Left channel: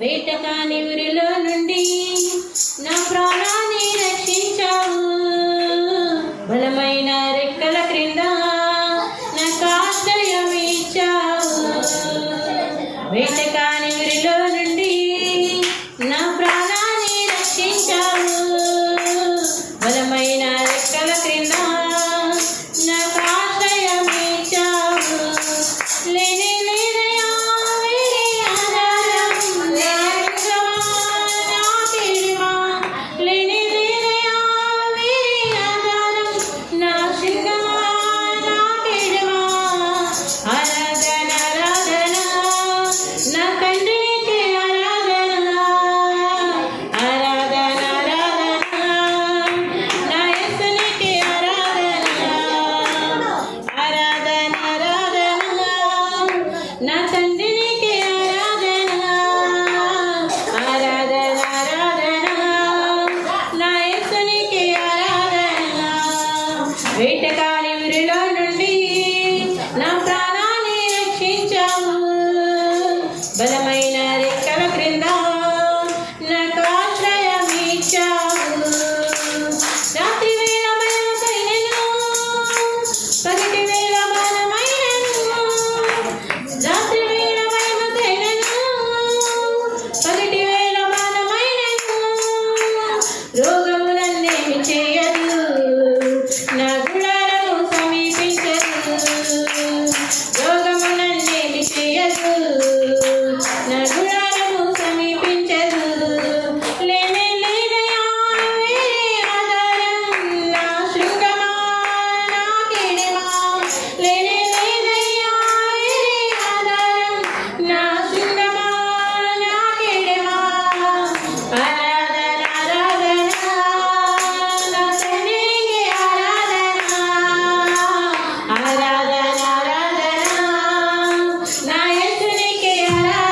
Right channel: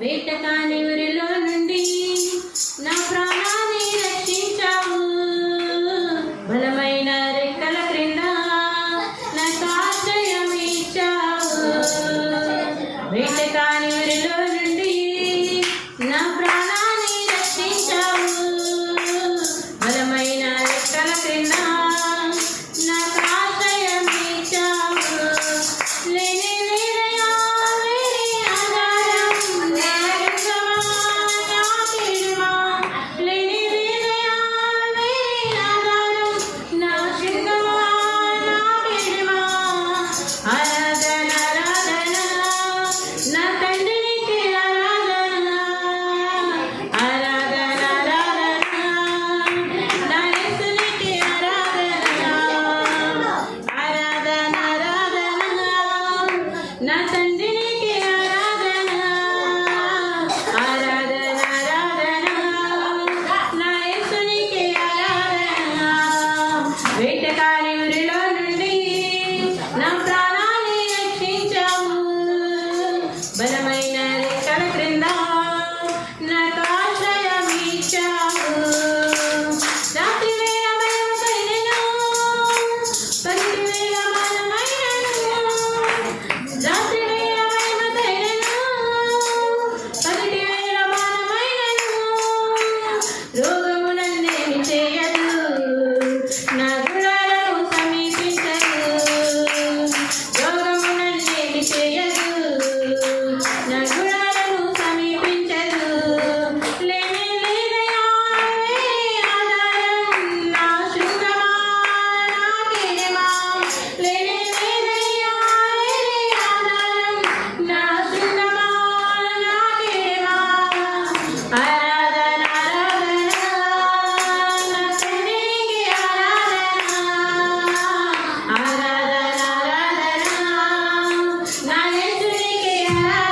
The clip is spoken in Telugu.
వేటకాని ఊరిలో నుండి నా ప్రాణాన్ని రక్షించావు. Yeah.